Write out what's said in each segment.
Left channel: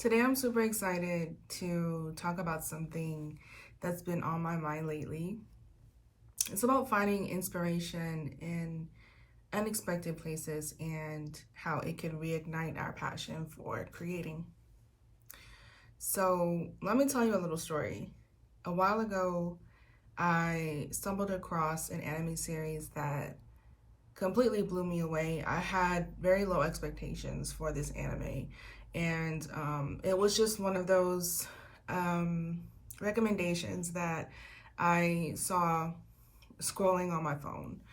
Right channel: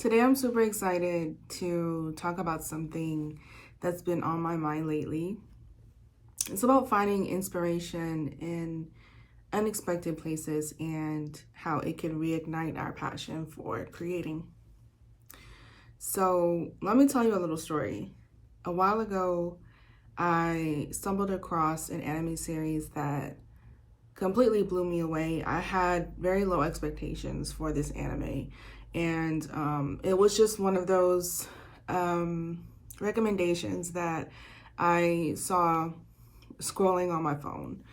Today, I'm super excited to talk about something that's been on my mind lately. It's about finding inspiration in unexpected places and how it can reignite our passion for creating. So, let me tell you a little story. A while ago, I stumbled across an anime series that completely blew me away. I had very low expectations for this anime, and it was just one of those recommendations that I saw scrolling on my phone.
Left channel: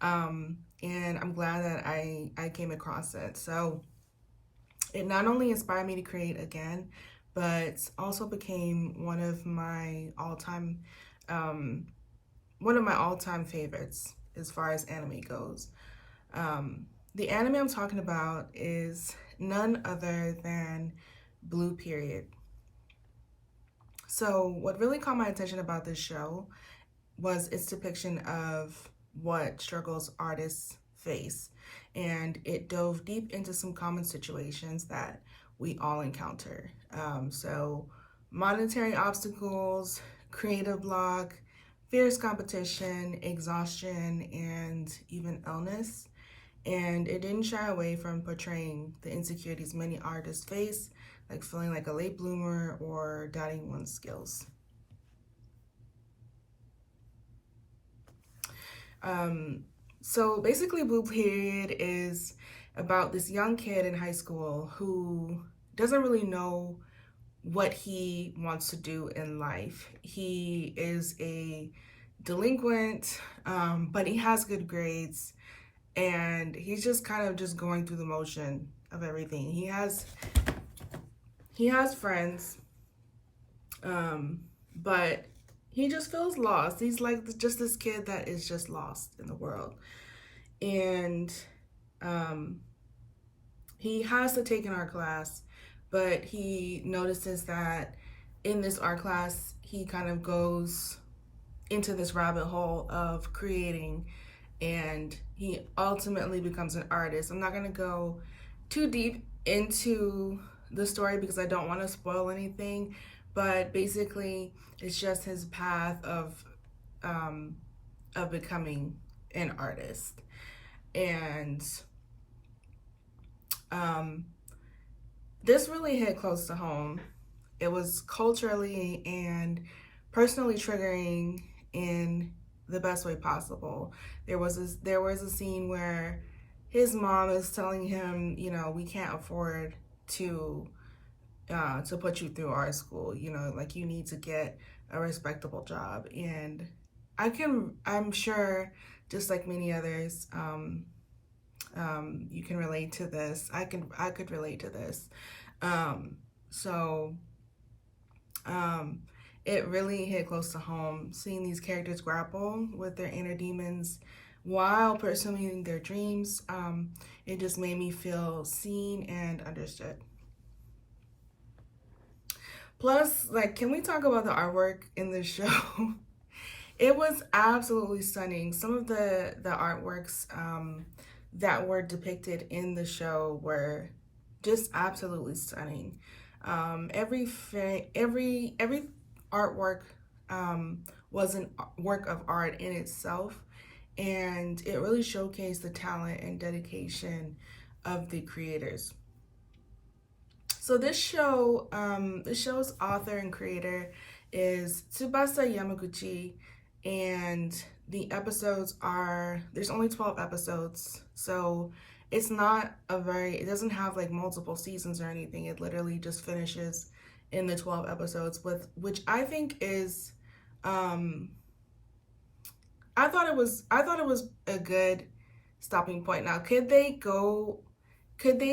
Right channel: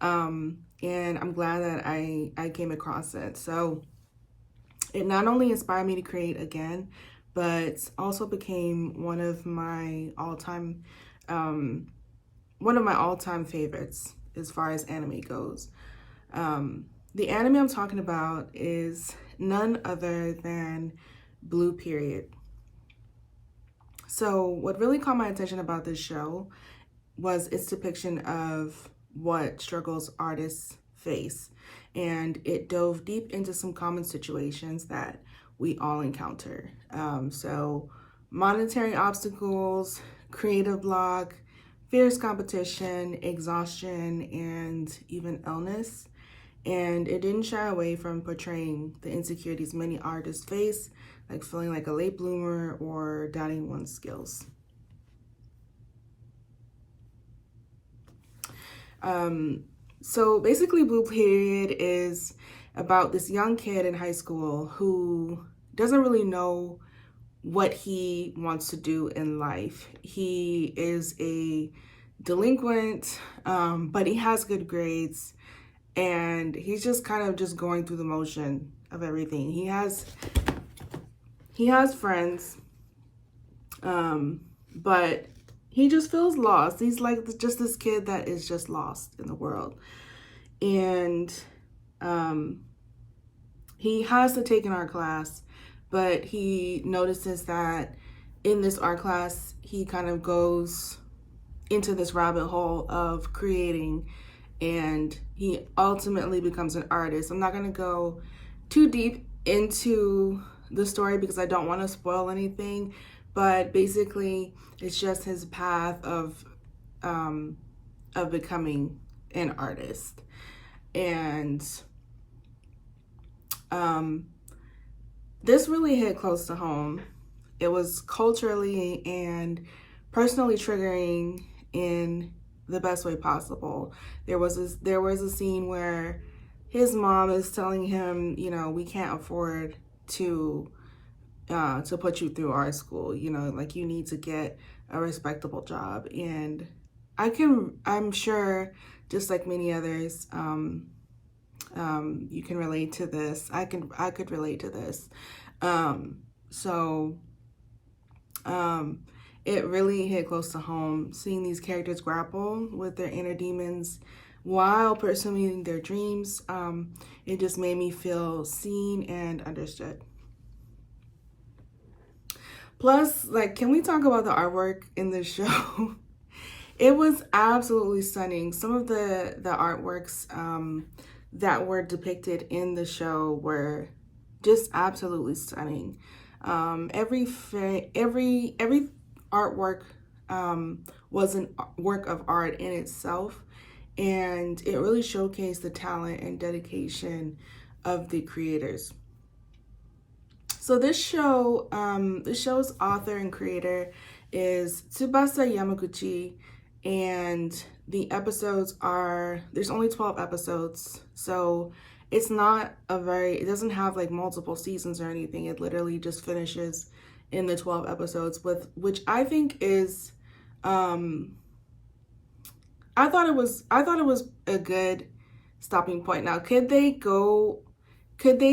And I'm glad that I came across it. So it not only inspired me to create again, but also became um, one of my all-time favorites as far as anime goes. The anime I'm talking about is none other than Blue Period. So, what really caught my attention about this show was its depiction of what struggles artists face, and it dove deep into some common situations that we all encounter. Monetary obstacles, creative block, fierce competition, exhaustion, and even illness. And it didn't shy away from portraying the insecurities many artists face, like feeling like a late bloomer or doubting one's skills. So basically, Blue Period is about this young kid in high school who doesn't really know what he wants to do in life. He is a delinquent, but he has good grades, and he's just kind of just going through the motion of everything. He has friends, but he just feels lost. He's like just this kid that is just lost in the world. And he has to take an art class, but he notices that in this art class, he kind of goes into this rabbit hole of creating, and he ultimately becomes an artist. I'm not going to go too deep into the story because I don't want to spoil anything, but basically it's just his path of becoming an artist. And this really hit close to home. It was culturally and personally triggering in the best way possible. There was a scene where his mom is telling him, we can't afford to put you through art school. Like, you need to get a respectable job. And I'm sure, just like many others, you can relate to this. I could relate to this. So it really hit close to home, seeing these characters grapple with their inner demons while pursuing their dreams. It just made me feel seen and understood. Plus, like, can we talk about the artwork in this show? It was absolutely stunning. Some of the artworks that were depicted in the show were just absolutely stunning. Every artwork was a work of art in itself, and it really showcased the talent and dedication of the creators. So this show's author and creator is Tsubasa Yamaguchi, and there's only 12 episodes, so it doesn't have like multiple seasons or anything. It literally just finishes in the 12 episodes, which I think is, I thought it was a good stopping point. Now, could they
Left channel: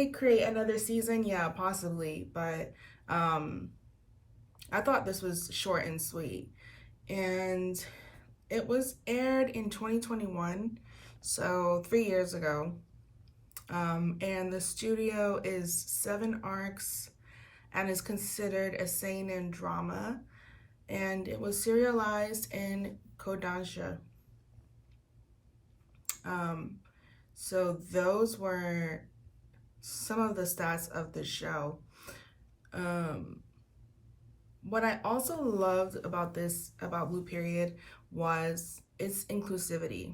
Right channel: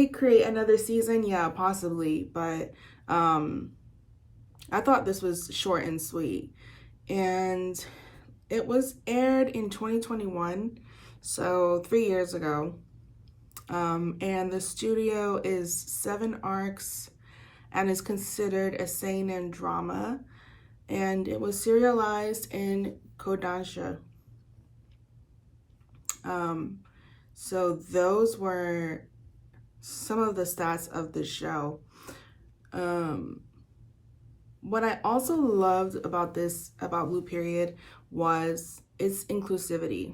create another season? Yeah, possibly, but I thought this was short and sweet. And it was aired in 2021, so 3 years ago. And the studio is 7 Arcs and is considered a seinen drama. And it was serialized in Kodansha. So those were some of the stats of the show. What I also loved about Blue Period, was its inclusivity.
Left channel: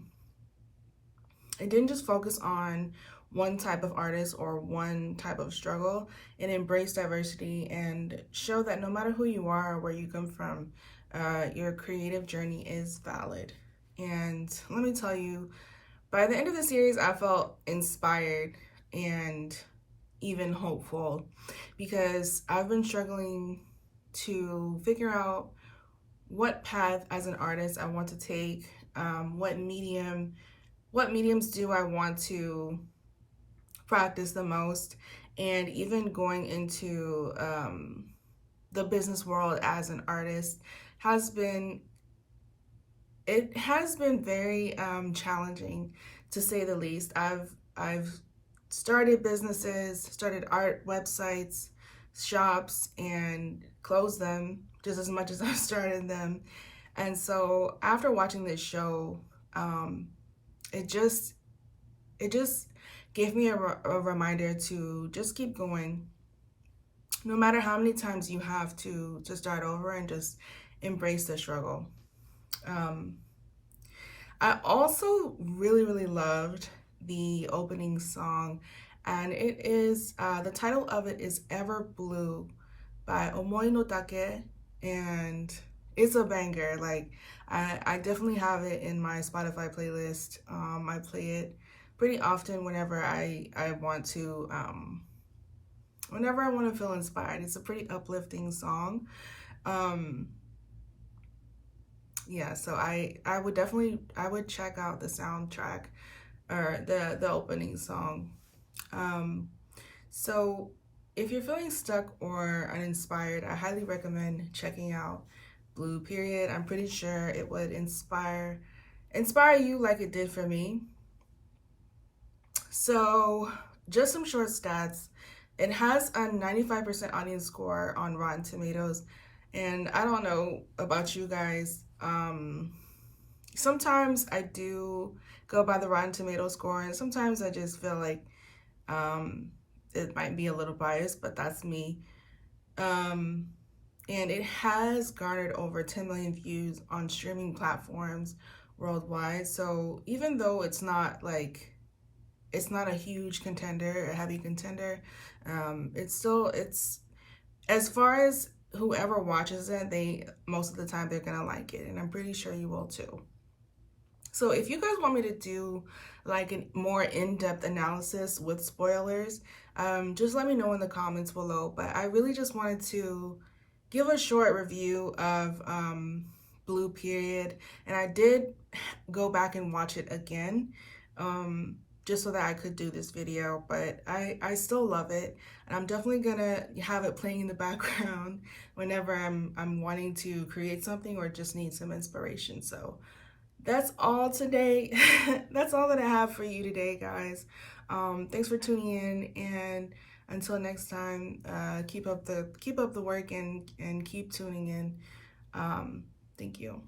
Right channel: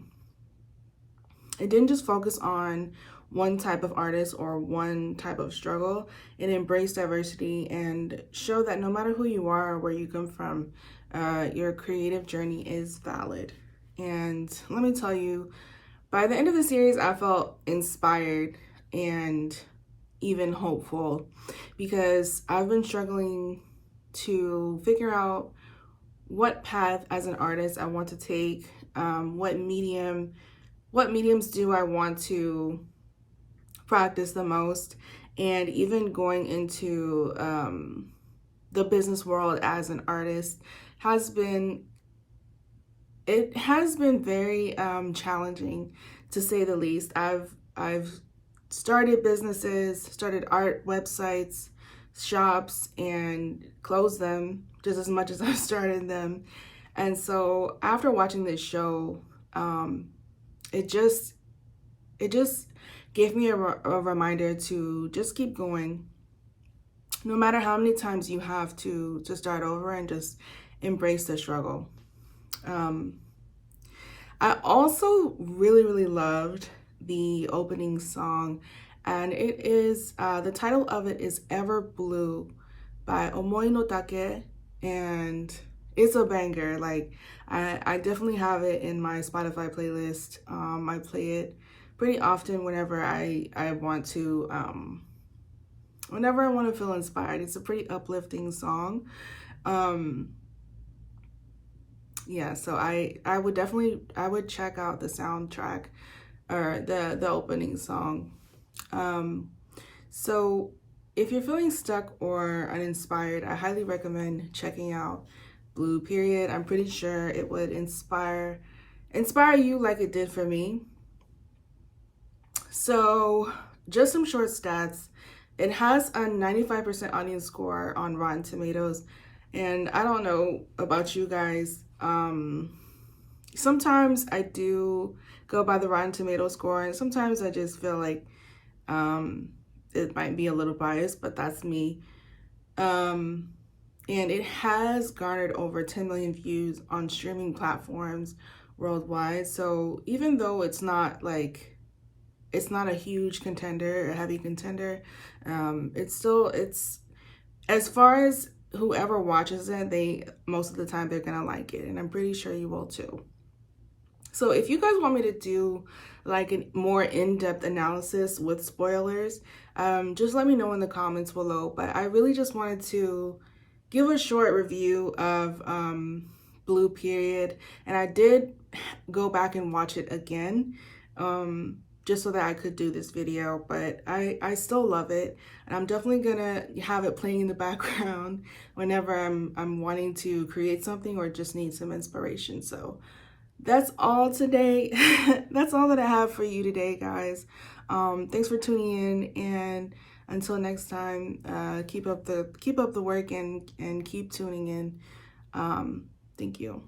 It didn't just focus on one type of artist or one type of struggle. It embraced diversity and showed that no matter who you are or where you come from, your creative journey is valid. And let me tell you, by the end of the series, I felt inspired and even hopeful, because I've been struggling to figure out what path as an artist I want to take, what mediums do I want to practice the most, and even going into the business world as an artist has been very challenging, to say the least. I've started businesses, started art websites, shops, and closed them just as much as I started them. And so after watching this show, it just gave me a reminder to just keep going, no matter how many times you have to start over, and just embrace the struggle. I also really loved the opening song, and it is the title of it is Ever Blue by Omoi no Take, and it's a banger. Like, I definitely have it in my Spotify playlist. I play it pretty often whenever I want to feel inspired. It's a pretty uplifting song. Yeah, so I would check out the soundtrack, or the opening song. So if you're feeling stuck or uninspired, I highly recommend checking out Blue Period. I'm pretty sure it would inspire you like it did for me. So just some short stats. It has a 95% audience score on Rotten Tomatoes. And I don't know about you guys. Sometimes I do go by the Rotten Tomatoes score, and sometimes I just feel like it might be a little biased, but that's me. And it has garnered over 10 million views on streaming platforms worldwide. So even though it's not a huge contender, a heavy contender, it's as far as whoever watches it, most of the time they're gonna like it, and I'm pretty sure you will too. So if you guys want me to do like a more in-depth analysis with spoilers, just let me know in the comments below. But I really just wanted to give a short review of Blue Period, and I did go back and watch it again, just so that I could do this video. But I still love it, and I'm definitely gonna have it playing in the background whenever I'm wanting to create something or just need some inspiration. So that's all today. That's all that I have for you today, guys. Thanks for tuning in, and until next time, keep up the work, and keep tuning in. Thank you.